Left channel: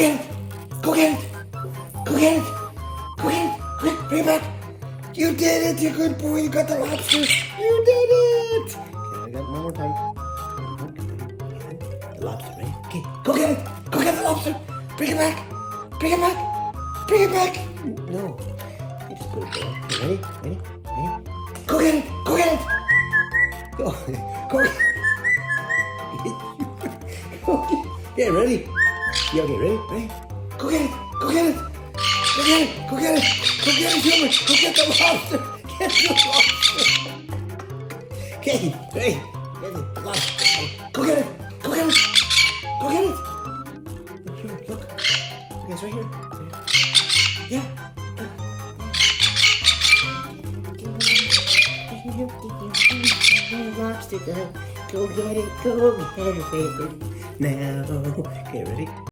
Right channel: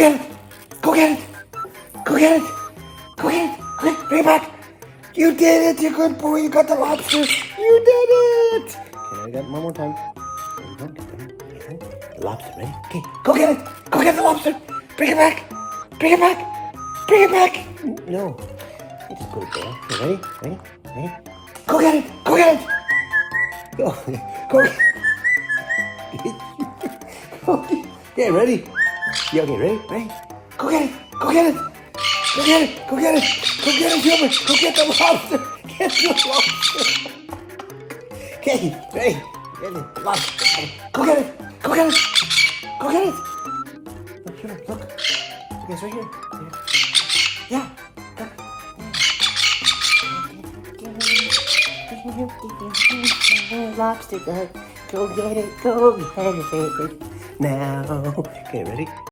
get it. Go get it. Go get it. Go get it. Quick, bring it back. You did it. You're a good boy. You got the lobster. You did it. Okay, I got it one more time. The lobster, ready? Okay, go get it. Go get the lobster. Bring it back. Bring it back. Bring it back. No. You just put it there. Okay, ready? Ready? Ready? Go get it. Go get it. Go. Go get it. Okay, ready? Yeah, okay, ready? Ready? Go get it! Go get it! Go get it! Go get it! Go get it, Gilbert! Go get the lobster! Get the lobster! Okay, ready? Get it, the lobster! Go get it! Go get it! Go get it! Look, Gilbert, look. Okay, it's right here. Yeah. Look. Lobster, go get it, go get it now. Okay, ready?